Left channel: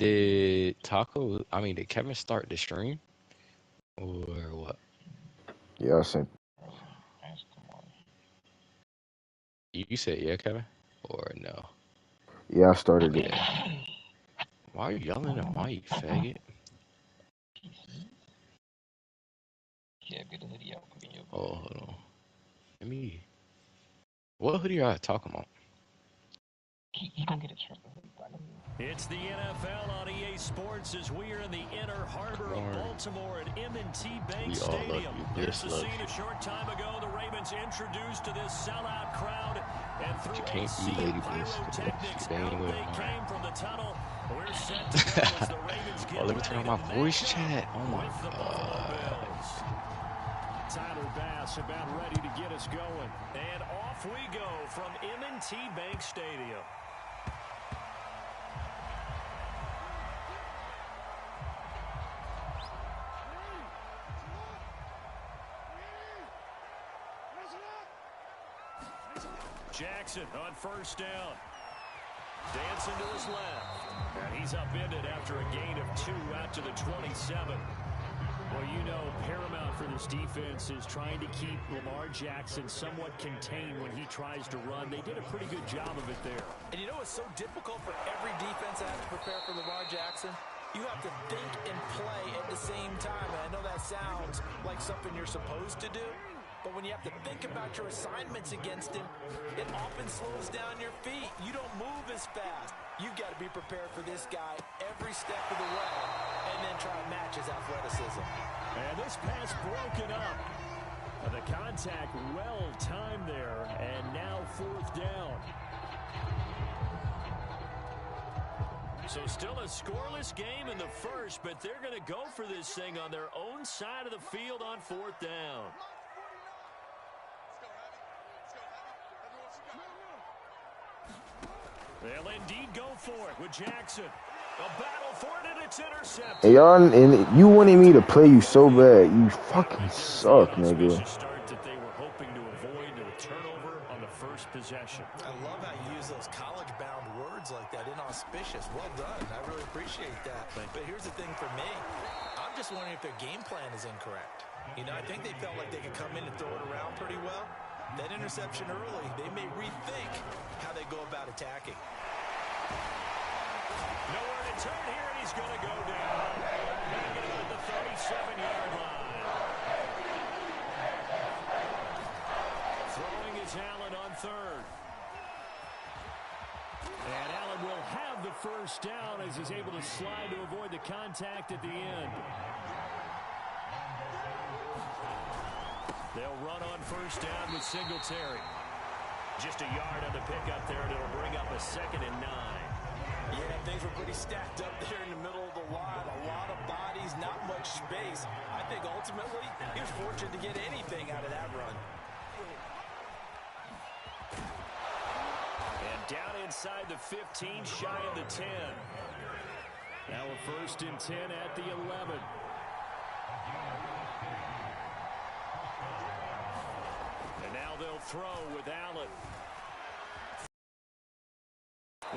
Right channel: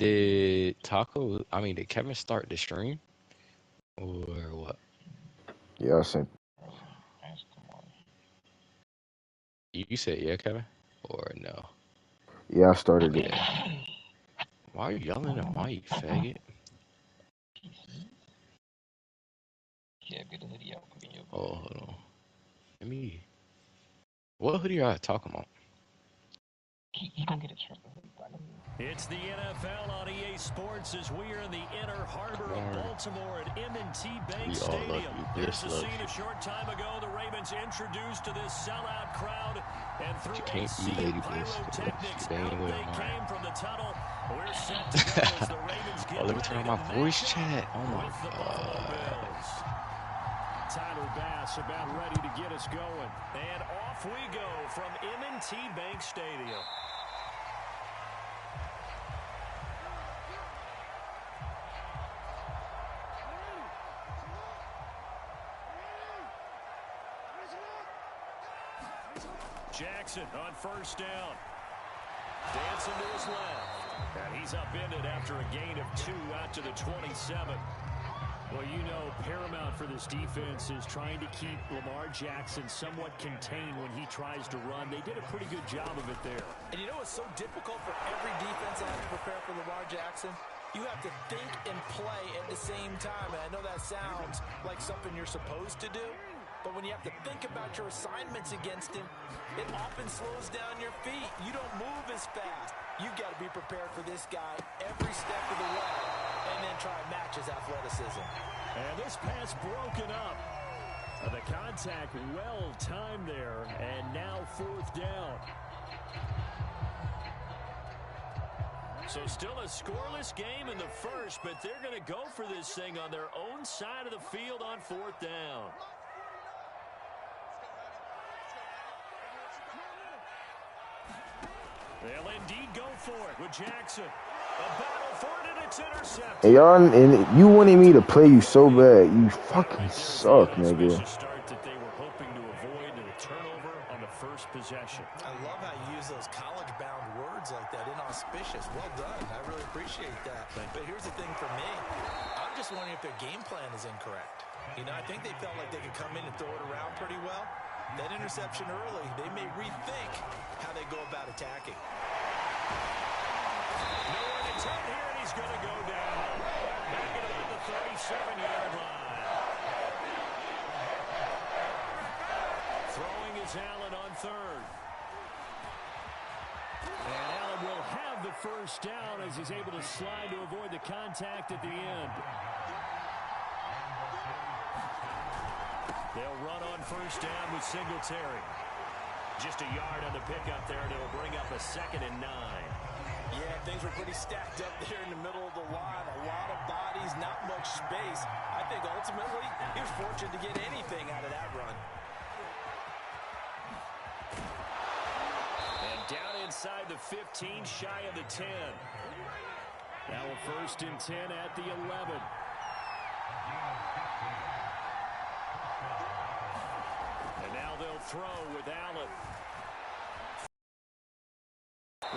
Did Kevin start the stream or what? Yeah, I sent. You said yeah, Kevin, or no? Yeah, I started it. Yeah. Why are you yelling at Mike, faggot? Oh, hold on. Let me. What hoodie are you talking about? It's the NFL on EA Sports as we are in the inner harbor of Baltimore at M&T Bank Stadium. There's a scene a short time ago the Ravens introduced to this sellout crowd, and through a sea of pyrotechnics, out they came from the tunnel. We're set to go as the Ravens get let me turn on my voice chat. Oh my God. Tyler Bass about ready to get us going. And off we go from M&T Bank Stadium. Jackson on first down. Dancing to his left. And he's upended after a gain of 2 out to the 27. Well, you know, paramount for this defense is trying to keep Lamar Jackson somewhat contained when he tries to run. They did a pretty good job of it there. And you know what's so difficult for every defense that has to prepare for Lamar Jackson? You have to think and play at the same time. And I know that sounds like something you're supposed to do. But when you have to think about your assignments against him, it often slows down your feet. You don't move as fast. You've got to be prepared for this guy every step of the way and then try to match his athleticism. And this pass broken up. The contact well timed there, and now fourth down. So still a scoreless game in the first, but they're going to go for this thing on their own side of the field on fourth down. They'll indeed go for it with Jackson. A battle for it, and it's intercepted. Hey, y'all, and you wanted me to play you so bad. You fucking suck, nigga. Start that they were hoping to avoid a turnover on the first possession. I love how you use those college-bound words like that. Inauspicious. Well done. I really appreciate that. But here's the thing for me. I'm just wondering if their game plan is incorrect. You know, I think they felt like they could come in and throw it around pretty well. That interception early, they may rethink how they go about attacking. Nowhere to turn here, and he's going to go down. Back at about the 37-yard line. Throwing is Allen on third. And Allen will have the first down as he's able to slide to avoid the contact at the end. They'll run on first down with Singletary. Just a yard on the pickup there, and it'll bring up a 2nd and 9. Yeah, things were pretty stacked up there in the middle of the line. A lot of bodies, not much space. I think ultimately he was fortunate to get anything out of that run. And down inside the 15, shy of the 10. Now a 1st and 10 at the 11. And now they'll throw with Allen.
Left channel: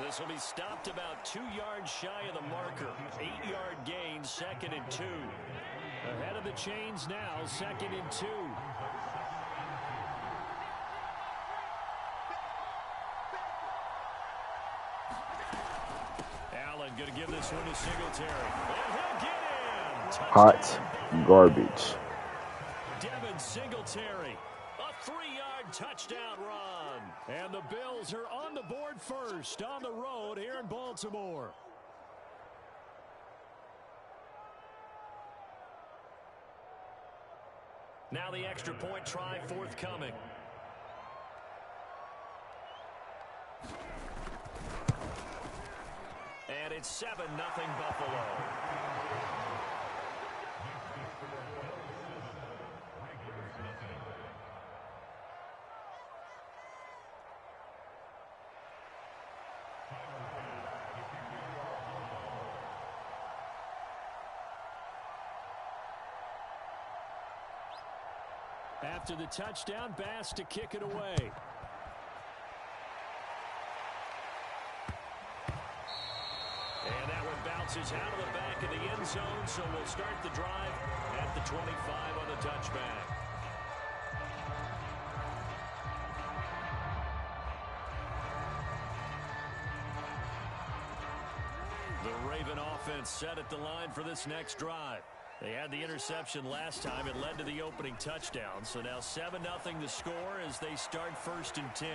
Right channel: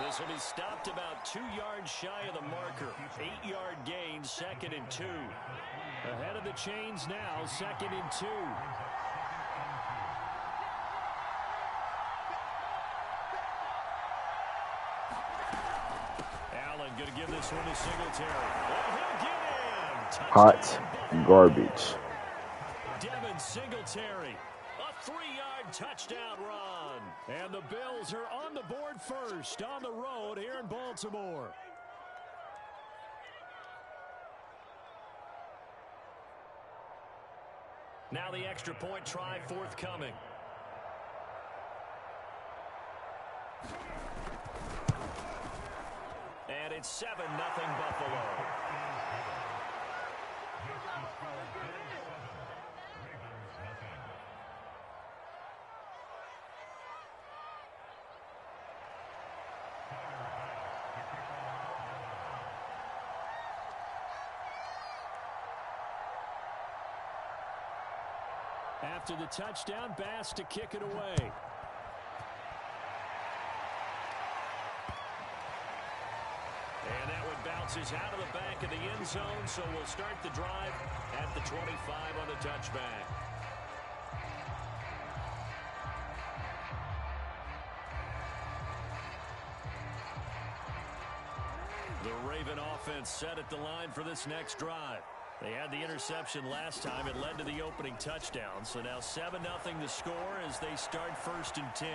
This will be stopped about 2 yards shy of the marker. 8-yard gain, 2nd and 2. Ahead of the chains now, 2nd and 2. Allen going to give this one to Singletary. And he'll get in. Touchdown. Hot garbage. Devin Singletary. A 3-yard touchdown run. And the Bills are on the board first on the road here in Baltimore. Now the extra point try forthcoming. And it's 7-0 Buffalo. After the touchdown, Bass to kick it away. And that one bounces out of the back of the end zone, so we'll start the drive at the 25 on the touchback. The Raven offense set at the line for this next drive. They had the interception last time. It led to the opening touchdown. So now 7-0 the score as they start 1st and 10.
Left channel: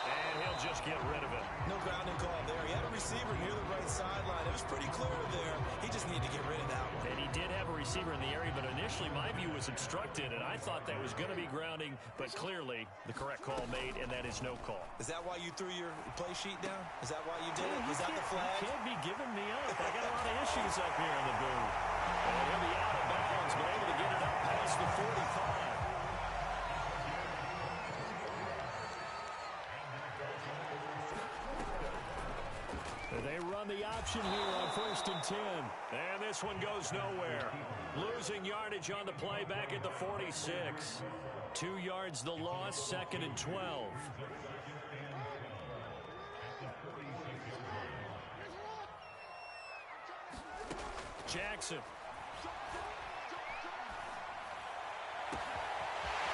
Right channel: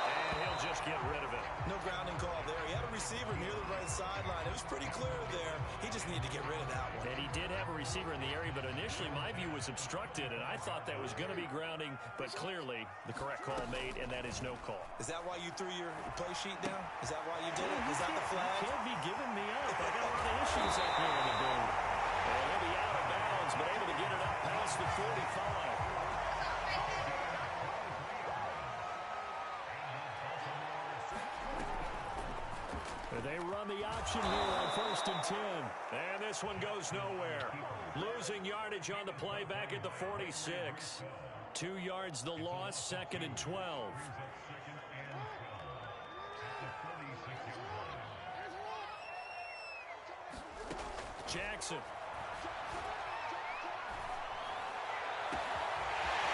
And he'll just get rid of it. No grounding call there. He had a receiver near the right sideline. It was pretty clear there. He just needed to get rid of that one. And he did have a receiver in the area, but initially my view was obstructed, and I thought that was going to be grounding, but clearly the correct call made, and that is no call. Is that why you threw your play sheet down? Is that why you did it? Was that the flag? You can't be giving me up. I got a lot of issues up here in the booth. And he'll be out of bounds, but able to get it up past the 45. They run the option here on 1st and 10. And this one goes nowhere. Losing yardage on the play back at the 46. 2 yards the loss, 2nd and 12. Jackson.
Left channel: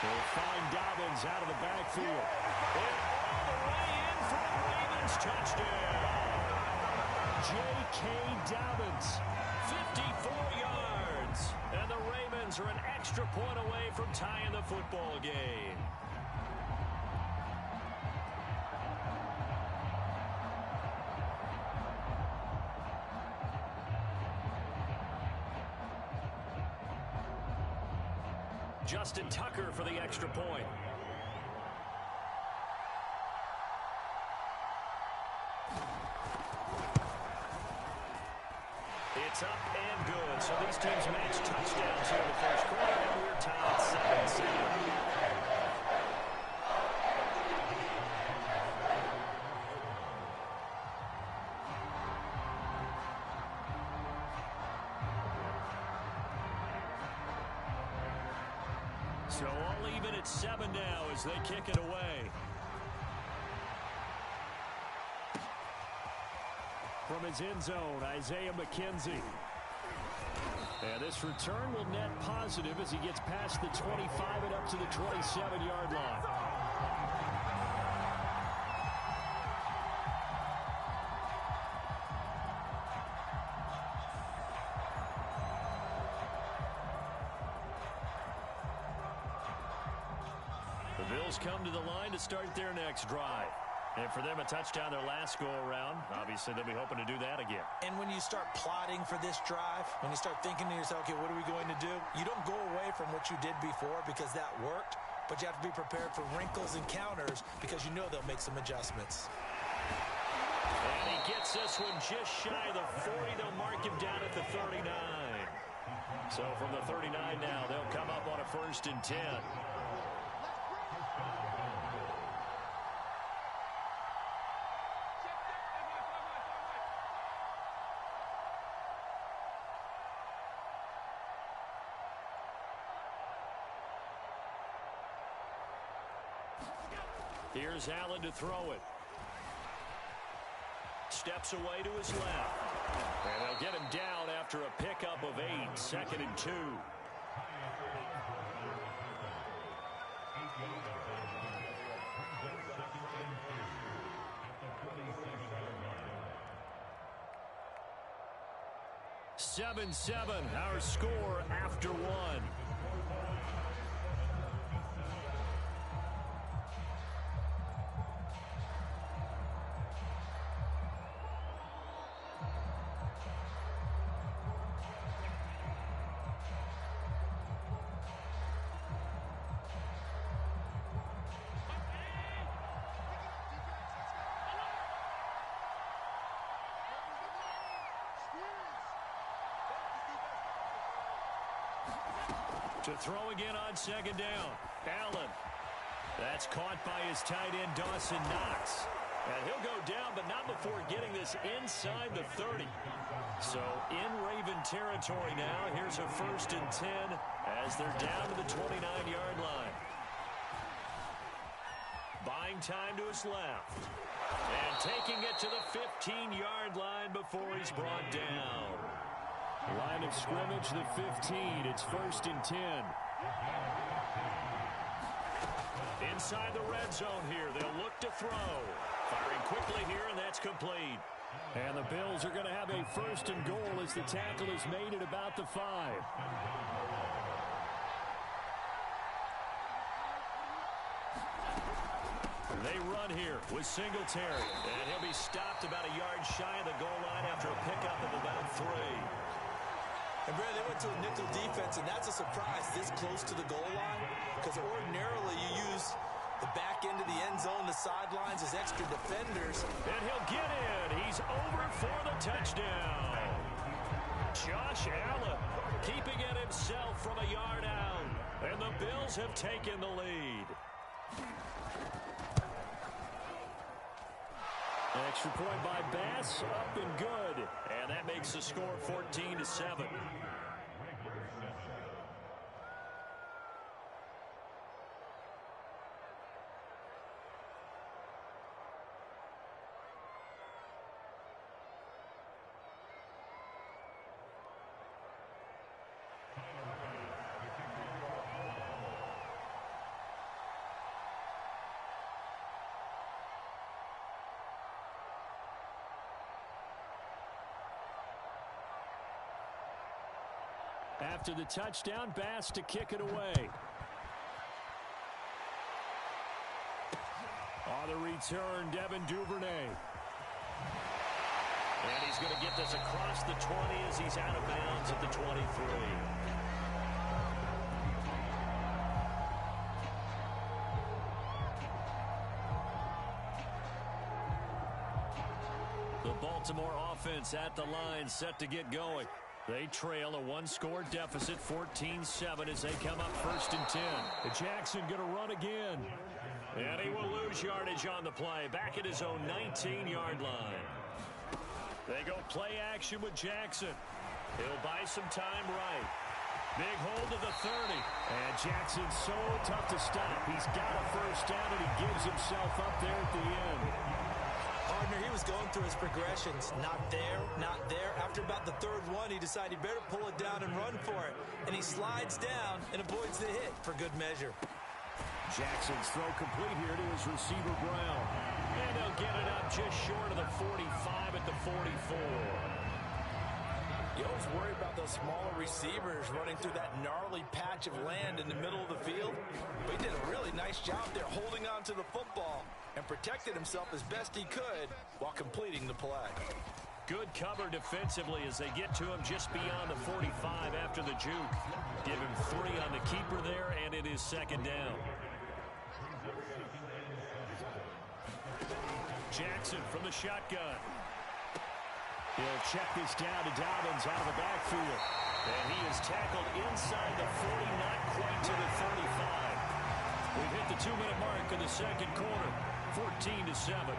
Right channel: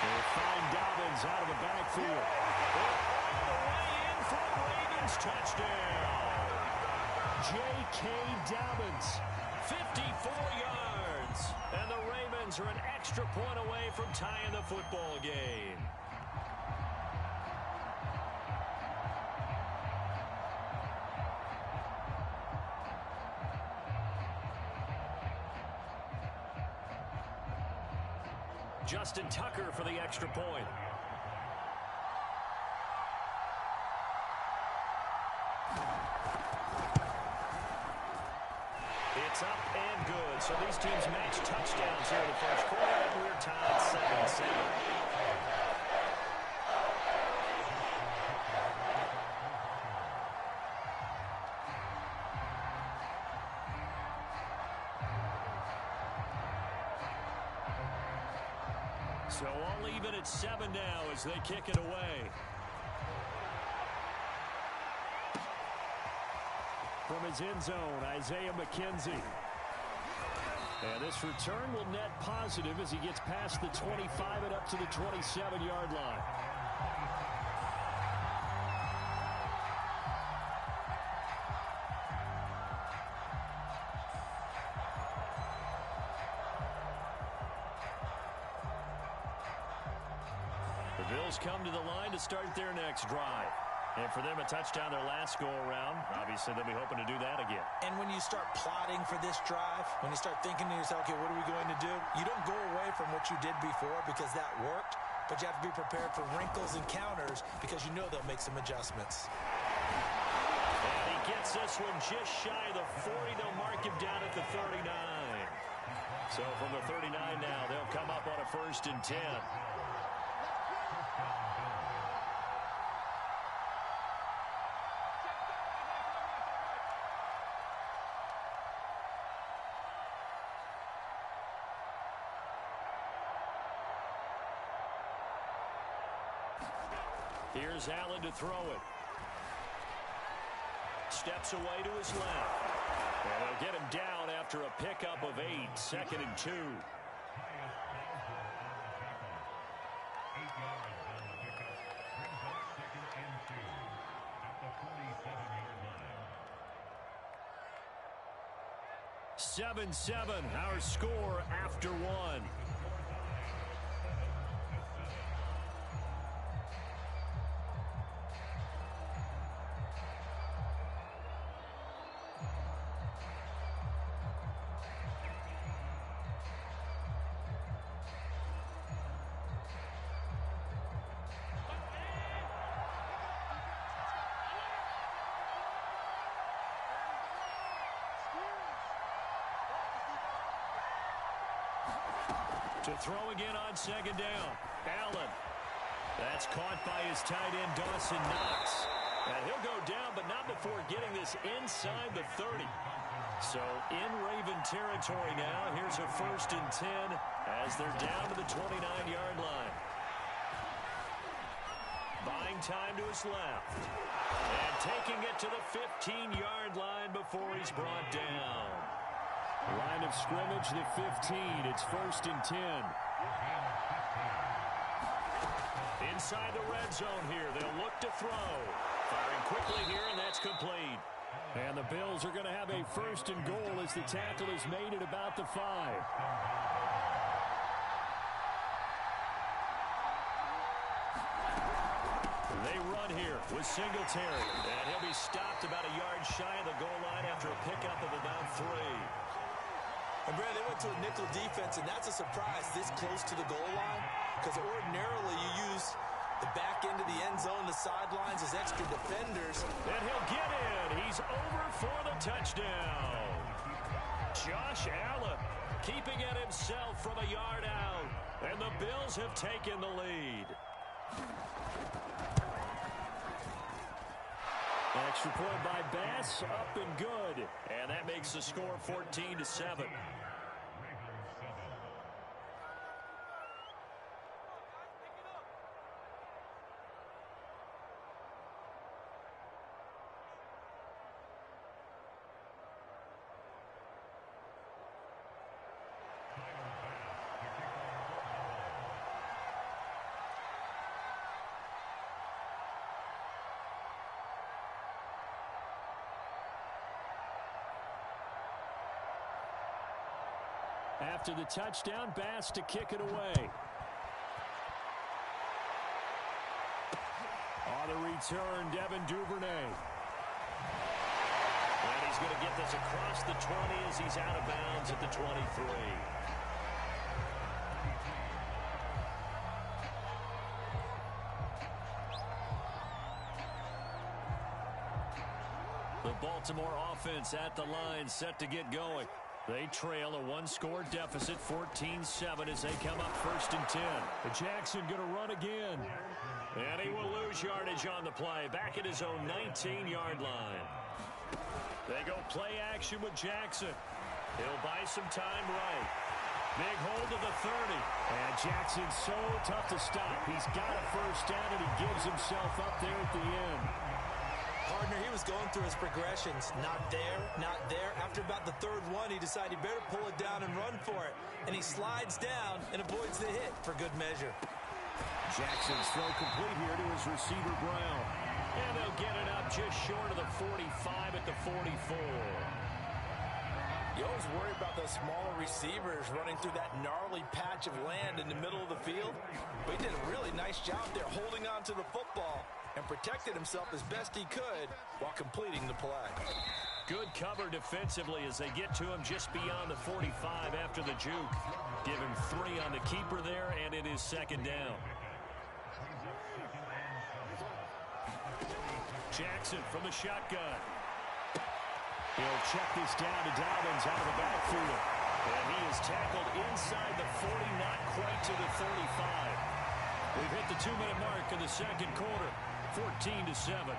They'll find Dobbins out of the backfield. And all the way in for a Ravens touchdown. J.K. Dobbins, 54 yards. And the Ravens are an extra point away from tying the football game. Justin Tucker for the extra point. It's up and good. So these teams match touchdowns here in the first quarter, and we're tied 7-7. So all even at 7 now as they kick it away. From his end zone, Isaiah McKenzie. And this return will net positive as he gets past the 25 and up to the 27-yard line. The Bills come to the line to start their next drive. And for them, a touchdown their last go-around. Obviously, they'll be hoping to do that again. And when you start plotting for this drive, when you start thinking to yourself, okay, what are we going to do? You don't go away from what you did before because that worked, but you have to be prepared for wrinkles and counters because you know they'll make some adjustments. And he gets this one just shy of the 40. They'll mark him down at the 39. So from the 39 now, they'll come up on a 1st and 10. Here's Allen to throw it. Steps away to his left. And they'll get him down after a pickup of 8, 2nd and 2. Seven, our score after 1. To throw again on 2nd down. Allen. That's caught by his tight end, Dawson Knox. And he'll go down, but not before getting this inside the 30. So in Raven territory now. Here's a 1st and 10 as they're down to the 29-yard line. Buying Throwing time to his left. And taking it to the 15-yard line before he's brought down. Line of scrimmage, the 15. It's 1st and 10. Inside the red zone here. They'll look to throw. Firing quickly here, and that's complete. And the Bills are going to have a 1st and goal as the tackle is made at about the 5. They run here with Singletary. And he'll be stopped about a yard shy of the goal line after a pickup of about 3. And, Brandon, they went to a nickel defense, and that's a surprise this close to the goal line, because ordinarily you use the back end of the end zone, the sidelines as extra defenders. And he'll get in. He's over for the touchdown. Josh Allen keeping it himself from a yard out. And the Bills have taken the lead. Extra point by Bass, up and good. And that makes the score 14-7. After the touchdown, Bass to kick it away. On the return, Devin Duvernay. And he's going to get this across the 20 as he's out of bounds at the 23. The Baltimore offense at the line, set to get going. They trail a one-score deficit, 14-7, as they come up 1st and 10. Jackson going to run again. And he will lose yardage on the play, back at his own 19-yard line. They go play action with Jackson. He'll buy some time right. Big hold to the 30. And Jackson's so tough to stop. He's got a 1st down, and he gives himself up there at the end. Partner, he was going through his progressions. Not there, not there. After about the 3rd one, he decided he better pull it down and run for it. And he slides down and avoids the hit for good measure. Jackson's throw complete here to his receiver, Brown. And they'll get it up just short of the 45 at the 44. You always worry about those smaller receivers running through that gnarly patch of land in the middle of the field. But he did a really nice job there holding on to the football and protected himself as best he could while completing the play. Good cover defensively as they get to him just beyond the 45 after the juke. Give him 3 on the keeper there, and it is 2nd down. Jackson from the shotgun. He'll check this down to Dobbins out of the backfield. And he is tackled inside the 40, not quite to the 35. We've hit the 2-minute mark in the 2nd quarter. 14-7.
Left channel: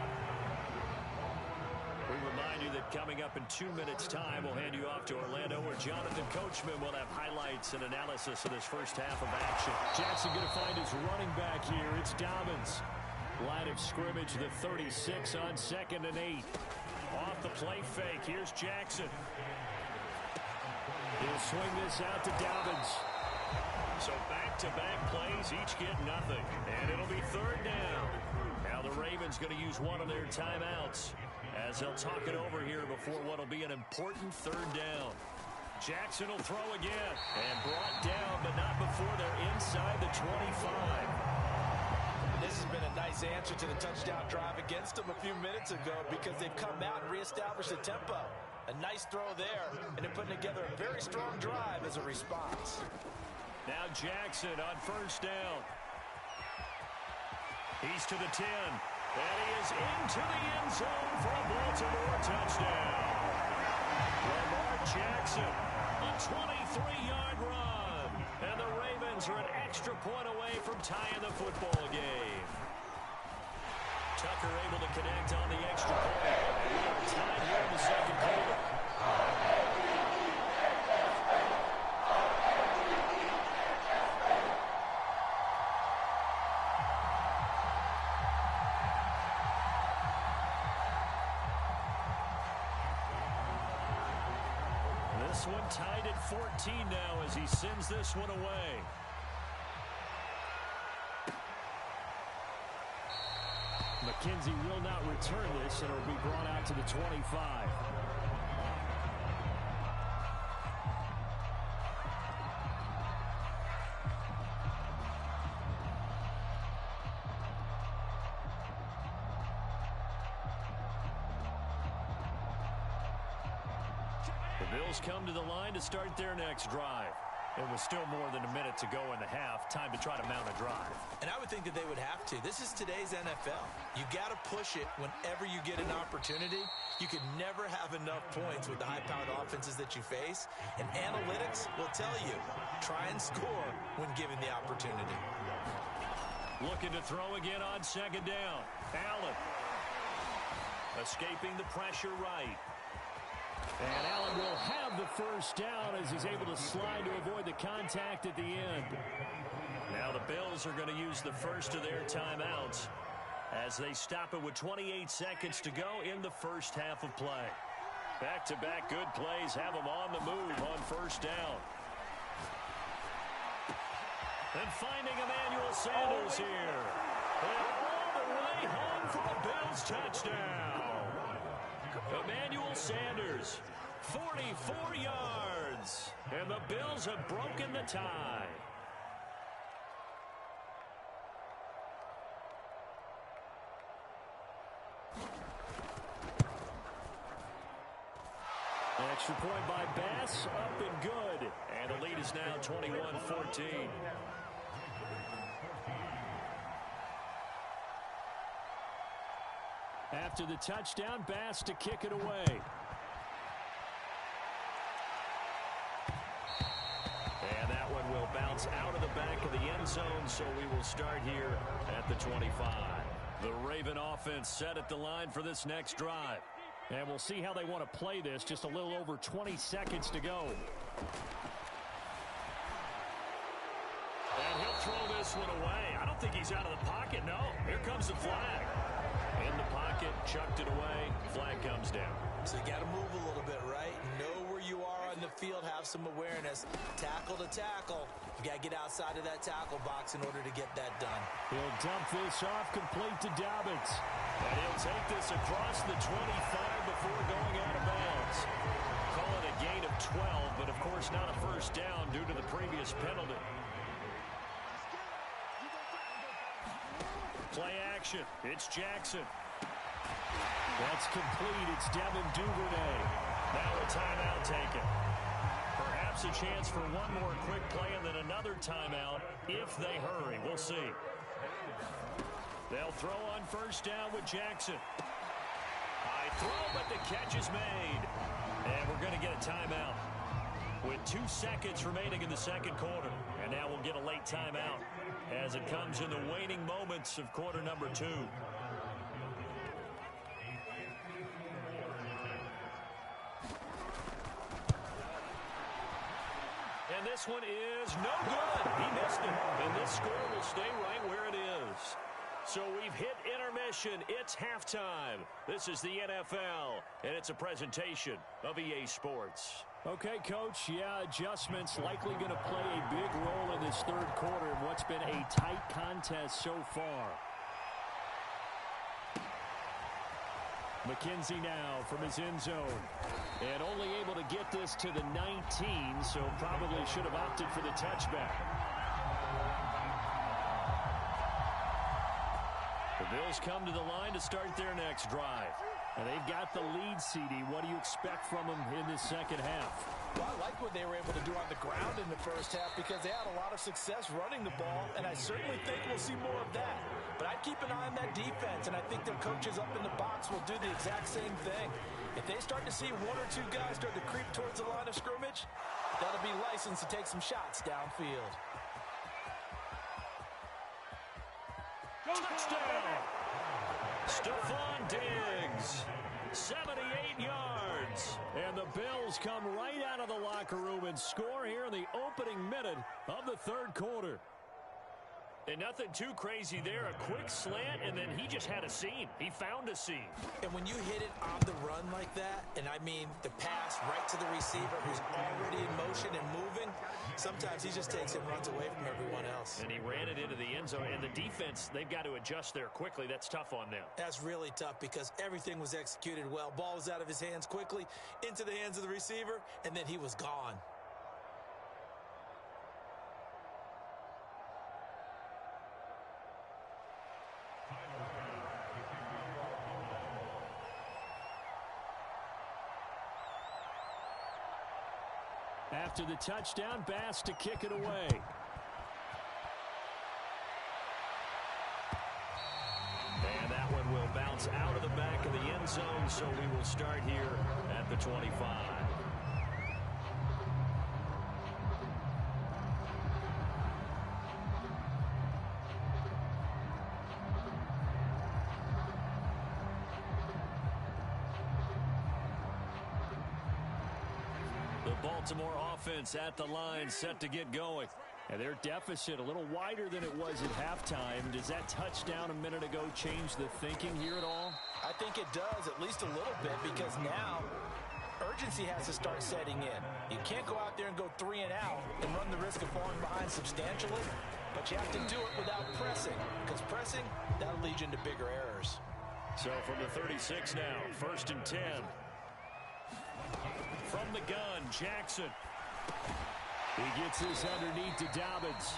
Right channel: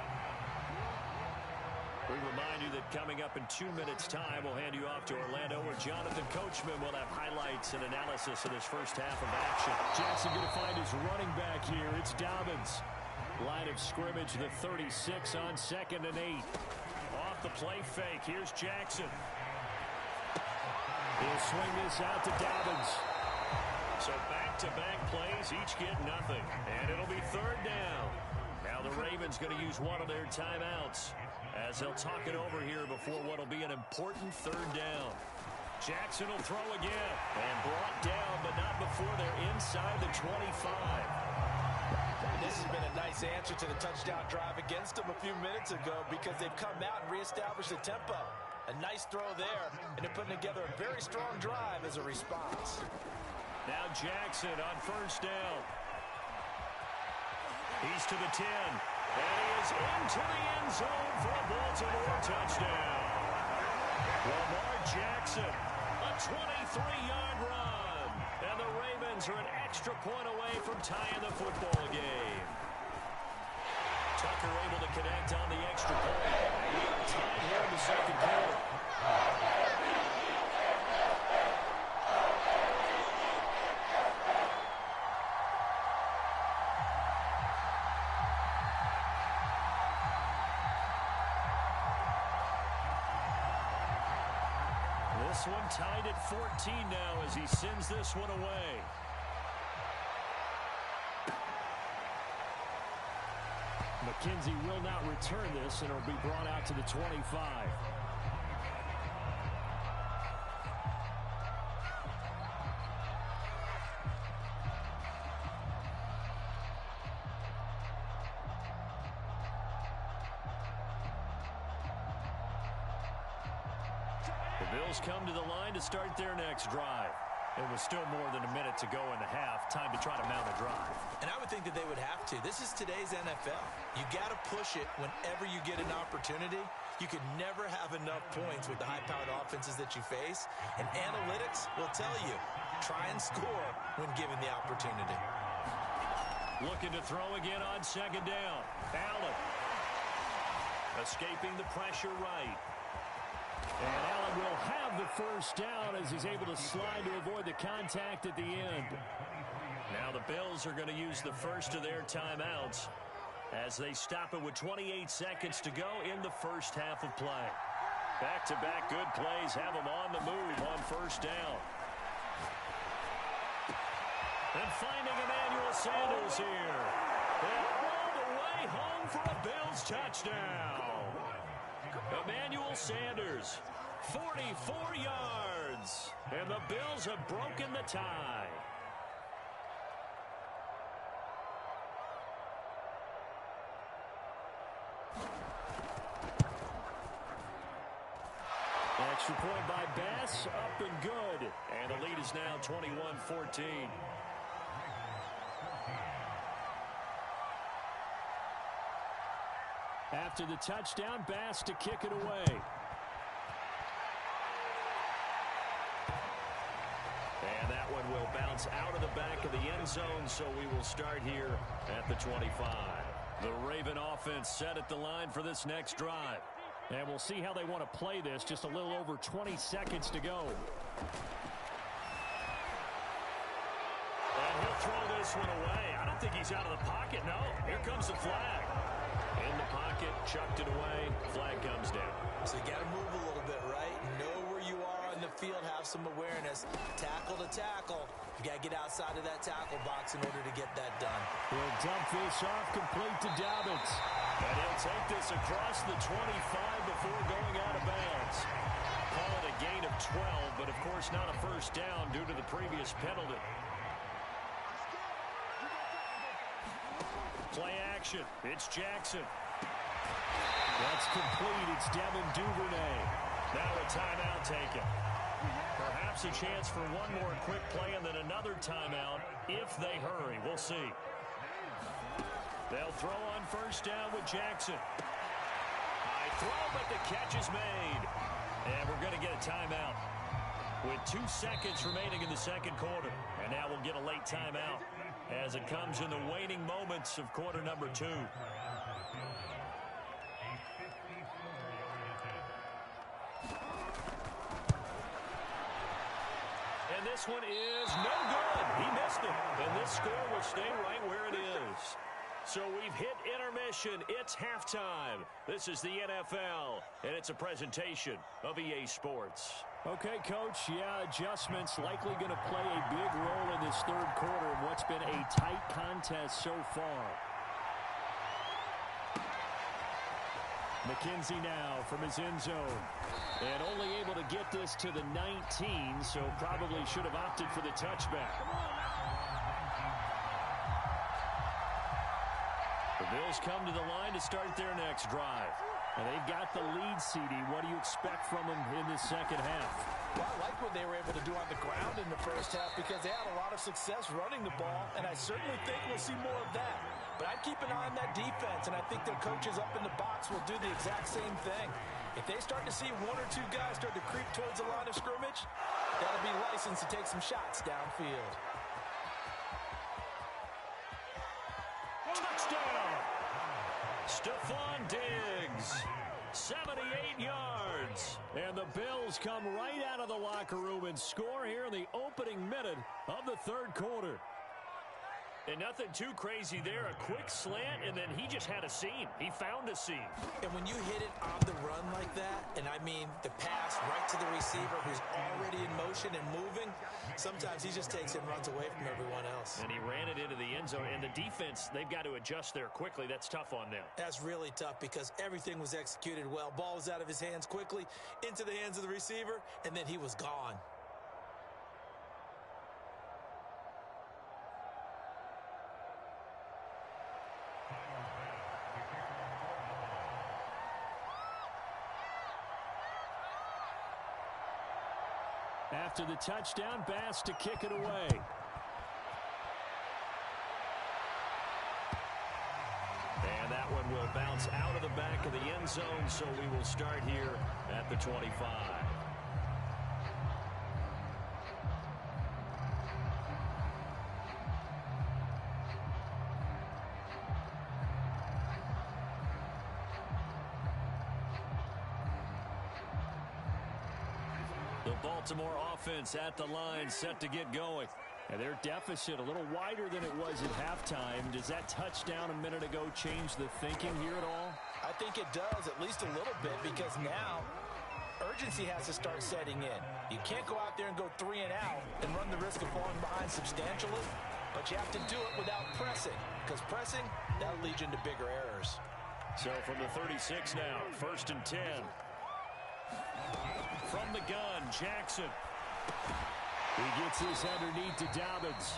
We remind you that coming up in 2 minutes' time, we'll hand you off to Orlando, where Jonathan Coachman will have highlights and analysis of this first half of action. Jackson going to find his running back here. It's Dobbins. Line of scrimmage, the 36 on 2nd and 8. Off the play fake. Here's Jackson. He'll swing this out to Dobbins. So back-to-back plays, each get nothing. And it'll be 3rd down. Now the Ravens going to use one of their timeouts as they'll talk it over here before what will be an important 3rd down. Jackson will throw again and brought down, but not before they're inside the 25. And this has been a nice answer to the touchdown drive against them a few minutes ago, because they've come out and reestablished the tempo. A nice throw there, and they're putting together a very strong drive as a response. Now Jackson on 1st down. He's to the 10, and he is into the end zone for a Baltimore touchdown. Lamar Jackson, a 23-yard run, and the Ravens are an extra point away from tying the football game. Tucker able to connect on the extra point, and we are tied here in the 2nd quarter. this one tied at 14 now as he sends this one away. McKenzie will not return this, and it will be brought out to the 25. The Bills come to the line to start their next drive. It was still more than a minute to go in the half. Time to try to mount a drive. And I would think that they would have to. This is today's NFL. You got to push it whenever you get an opportunity. You could never have enough points with the high-powered offenses that you face. And analytics will tell you, try and score when given the opportunity. Looking to throw again on second down. Allen. Escaping the pressure right. And Allen will have the first down as he's able to slide to avoid the contact at the end. Now the Bills are going to use the first of their timeouts as they stop it with 28 seconds to go in the first half of play. Back-to-back good plays have them on the move on first down. And finding Emmanuel Sanders here. And all the way home for a Bills touchdown. Emmanuel Sanders, 44 yards. And the Bills have broken the tie. Extra point by Bass, up and good. And the lead is now 21-14. After the touchdown, Bass to kick it away. And that one will bounce out of the back of the end zone, so we will start here at the 25. The Raven offense set at the line for this next drive. And we'll see how they want to play this. Just a little over 20 seconds to go. And he'll throw this one away. I don't think he's out of the pocket, no. Here comes the flag. In the pocket, chucked it away, flag comes down. So you got to move a little bit, right? Know where you are on the field, have some awareness. Tackle to tackle. You got to get outside of that tackle box in order to get that done. He'll dump this off complete to Dobbins. And he'll take this across the 25 before going out of bounds. Call it a gain of 12, but of course not a first down due to the previous penalty. Play action. It's Jackson. That's complete. It's Devin Duvernay. Now a timeout taken. Perhaps a chance for one more quick play and then another timeout if they hurry. We'll see. They'll throw on first down with Jackson. High throw, but the catch is made. And we're going to get a timeout with 2 seconds remaining in the second quarter. And now we'll get a late timeout as it comes in the waning moments of quarter number 2. And this one is no good. He missed it. And this score will stay right where it is. So we've hit intermission. It's halftime. This is the NFL, and it's a presentation of EA Sports. Okay, Coach, yeah, adjustments likely going to play a big role in this third quarter in what's been a tight contest so far. McKenzie now from his end zone. And only able to get this to the 19, so probably should have opted for the touchback. The Bills come to the line to start their next drive. And they've got the lead, CD. What do you expect from them in this second half? Well, I like what they were able to do on the ground in the first half because they had a lot of success running the ball, and I certainly think we'll see more of that. But I'd keep an eye on that defense, and I think their coaches up in the box will do the exact same thing. If they start to see one or two guys start to creep towards the line of scrimmage, that'll be licensed to take some shots downfield. Touchdown! Stephon Diggs, 78 yards. And the Bills come right out of the locker room and score here in the opening minute of the third quarter. And nothing too crazy there. A quick slant, and then he just had a seam. He found a seam. And when you hit it on the run like that, and I mean the pass right to the receiver who's already in motion and moving, sometimes he just takes it and runs away from everyone else. And he ran it into the end zone. And the defense, they've got to adjust there quickly. That's tough on them. That's really tough because everything was executed well. Ball was out of his hands quickly, into the hands of the receiver, and then he was gone. After the touchdown, Bass to kick it away. And that one will bounce out of the back of the end zone, so we will start here at the 25. The Baltimore offense at the line, set to get going. And their deficit a little wider than it was at halftime. Does that touchdown a minute ago change the thinking here at all? I think it does, at least a little bit, because now urgency has to start setting in. You can't go out there and go 3 and out and run the risk of falling behind substantially, but you have to do it without pressing, because pressing, that'll lead you into bigger errors. So from the 36 now, 1st and 10. From the gun, Jackson. He gets this underneath to Dobbins.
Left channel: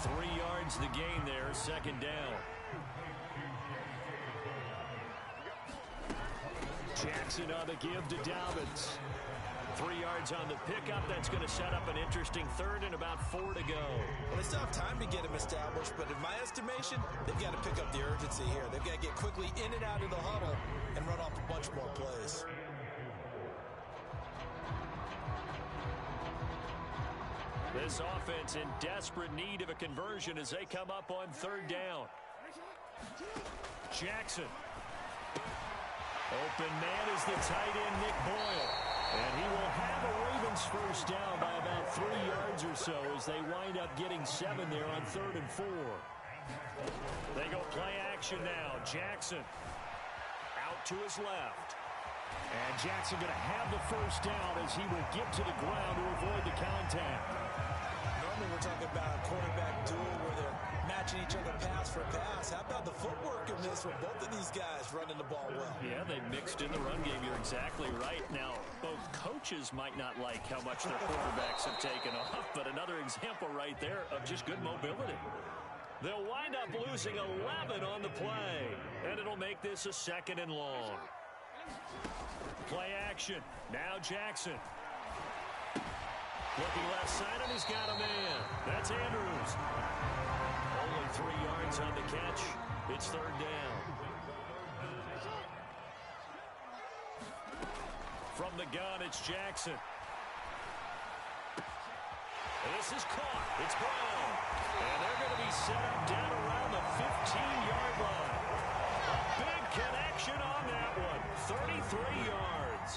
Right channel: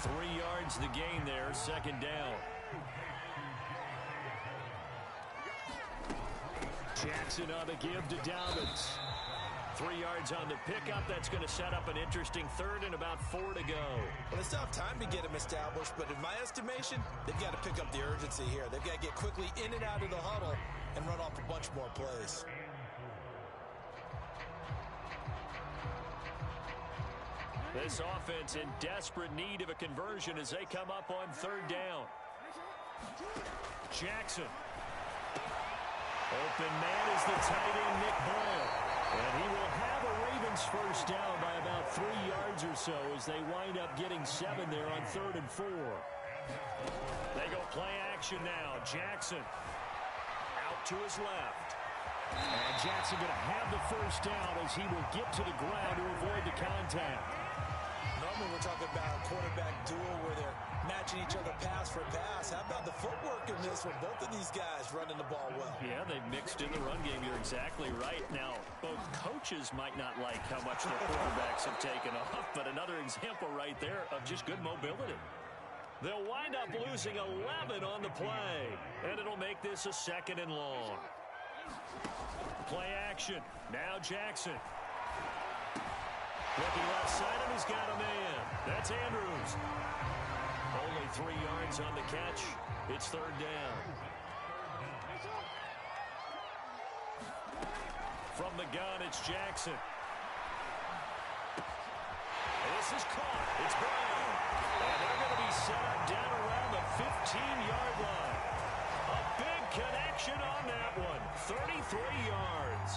3 yards the gain there, 2nd down. Jackson on the give to Dobbins. 3 yards on the pickup. That's going to set up an interesting 3rd and about 4 to go. Well, they still have time to get him established, but in my estimation, they've got to pick up the urgency here. They've got to get quickly in and out of the huddle and run off a bunch more plays. This offense in desperate need of a conversion as they come up on 3rd down. Jackson. Open man is the tight end, Nick Boyle. And he will have a Ravens 1st down by about 3 yards or so as they wind up getting 7 there on 3rd and 4. They go play action now. Jackson out to his left. And Jackson going to have the 1st down as he will get to the ground to avoid the contact. Normally we're talking about a quarterback duel where they're matching each other pass for pass. How about the footwork in this one? Both of these guys running the ball well. Yeah, they mixed in the run game. You're exactly right. Now, both coaches might not like how much their quarterbacks have taken off, but another example right there of just good mobility. They'll wind up losing 11 on the play, and it'll make this a 2nd and long. Play action. Now Jackson. Looking left side, and he's got a man. That's Andrews. Only 3 yards on the catch. It's 3rd down. From the gun, it's Jackson. And this is caught. It's Brown. And they're going to be set up down around the 15-yard line. A big connection on that one. 33 yards.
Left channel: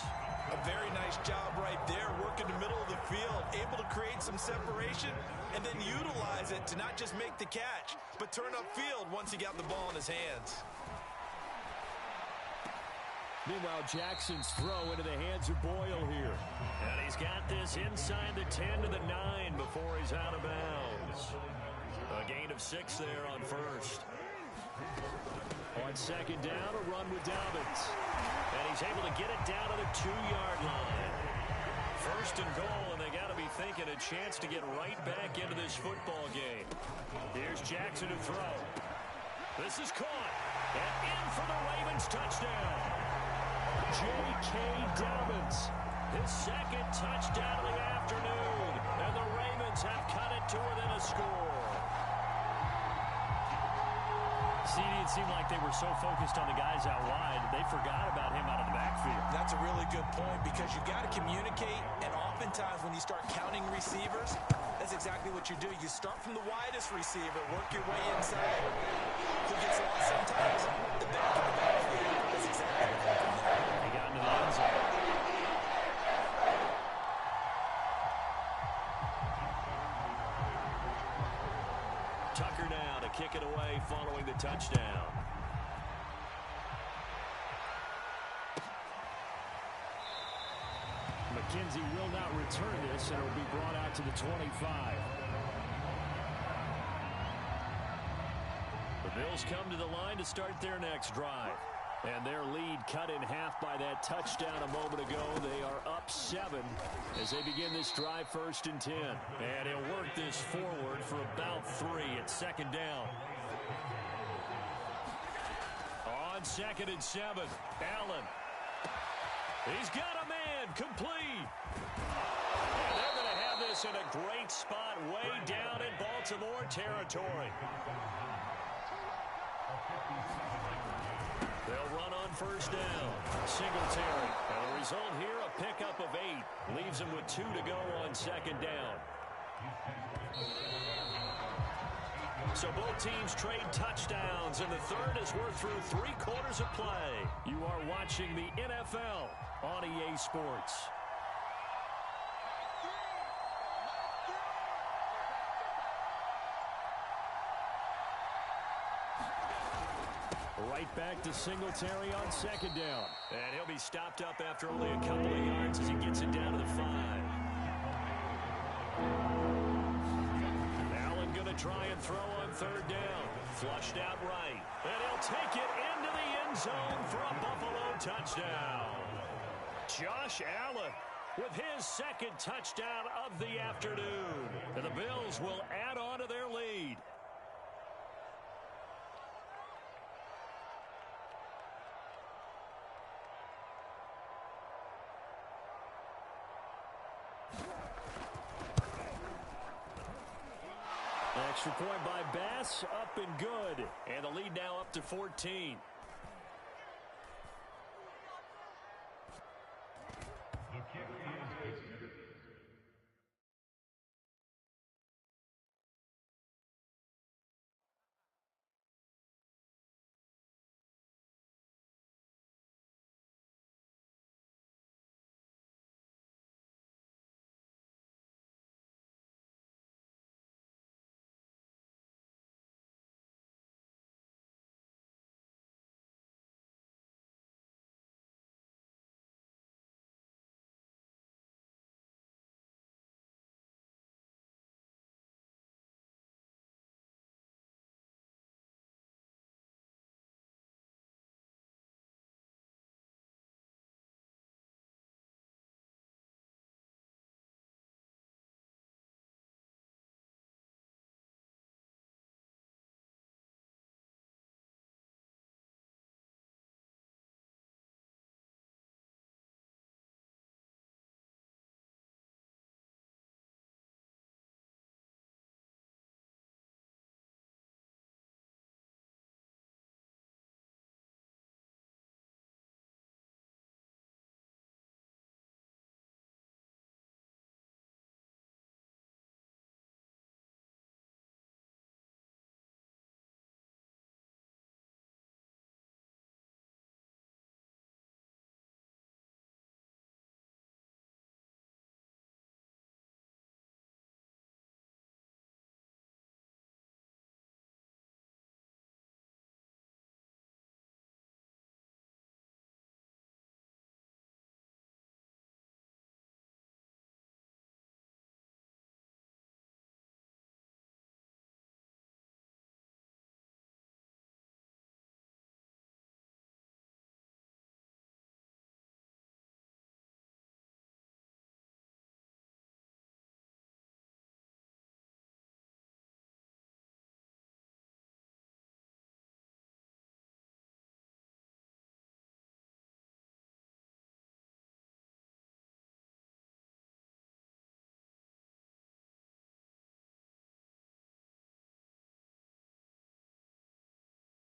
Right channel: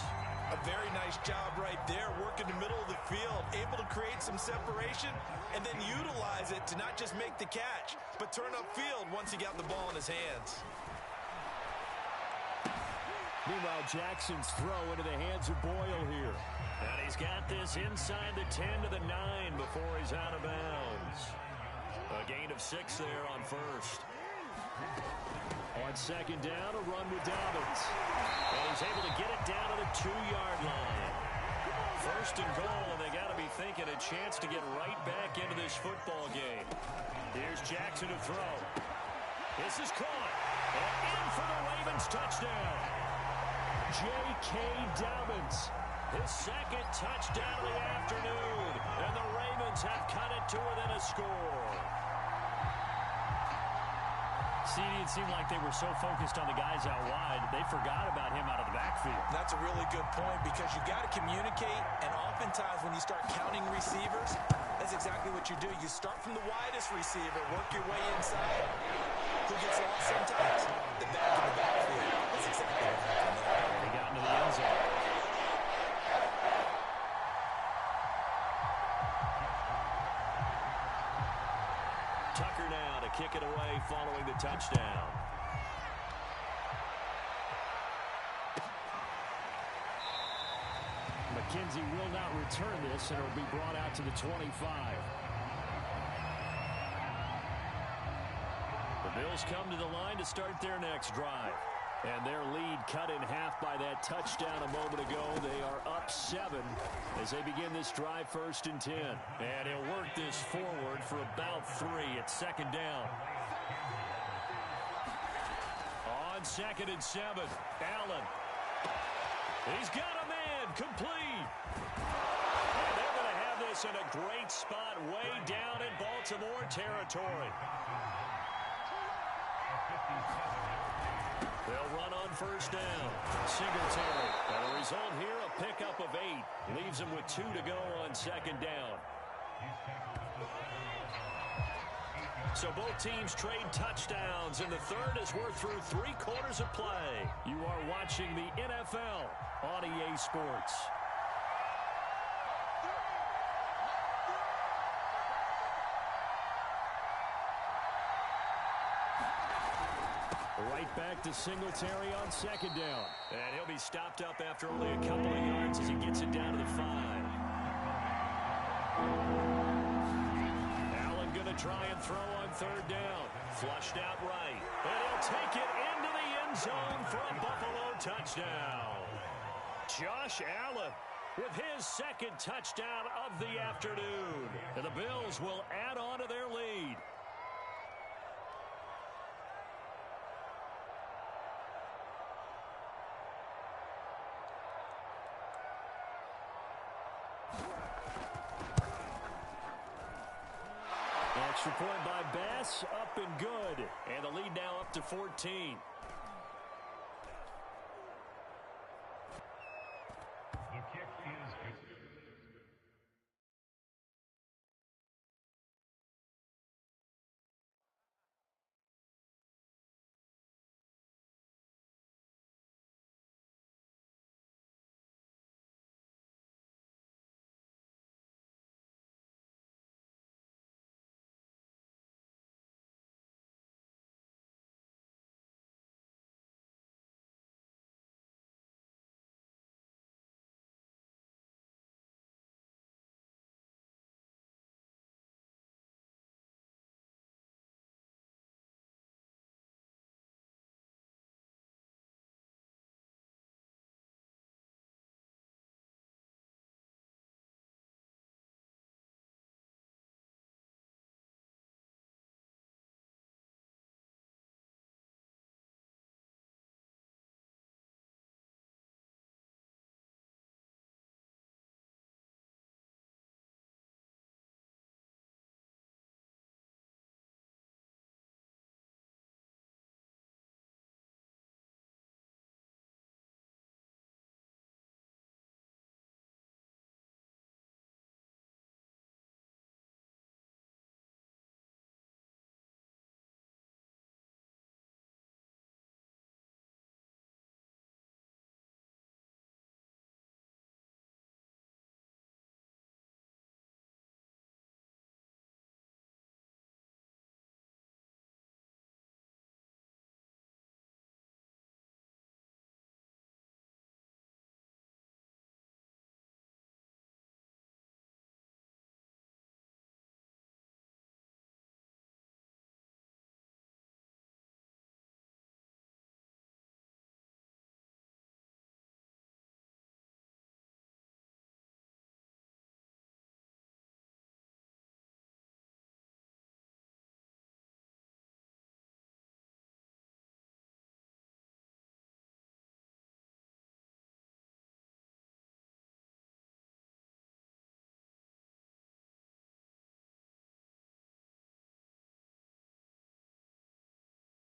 A very nice job right there, working the middle of the field, able to create some separation and then utilize it to not just make the catch, but turn upfield once he got the ball in his hands. Meanwhile, Jackson's throw into the hands of Boyle here. And he's got this inside the 10 to the 9 before he's out of bounds. A gain of 6 there on 1st. On 2nd down, a run with Dobbins. And he's able to get it down to the 2-yard line. 1st and goal, and they got to be thinking a chance to get right back into this football game. Here's Jackson to throw. This is caught. And in for the Ravens touchdown. J.K. Dobbins. His 2nd touchdown of the afternoon. And the Ravens have cut it to within a score. CD, it seemed like they were so focused on the guys out wide, they forgot about him out of the backfield. That's a really good point because you got to communicate, and oftentimes when you start counting receivers, that's exactly what you do. You start from the widest receiver, work your way inside. Who gets lost sometimes? The back in the backfield. That's exactly what happened there. And he got into the end zone. Tucker now to kick it away following the touchdown. McKenzie will not return this, and it will be brought out to the 25. The Bills come to the line to start their next drive. And their lead cut in half by that touchdown a moment ago. They are up 7 as they begin this drive 1st and 10. And he'll work this forward for about 3 at 2nd down. On 2nd and 7, Allen. He's got a man, complete. And they're going to have this in a great spot way down in Baltimore territory. They'll run on 1st down. Singletary. And the result here, a pickup of 8. Leaves them with 2 to go on 2nd down. So both teams trade touchdowns, and the third as we're through 3 quarters of play. You are watching the NFL on EA Sports. Right back to Singletary on 2nd down. And he'll be stopped up after only a couple of yards as he gets it down to the 5. Allen going to try and throw on 3rd down. Flushed out right. And he'll take it into the end zone for a Buffalo touchdown. Josh Allen with his 2nd touchdown of the afternoon. And the Bills will add on to their lead. Extra point by Bass, up and good. And the lead now up to 14.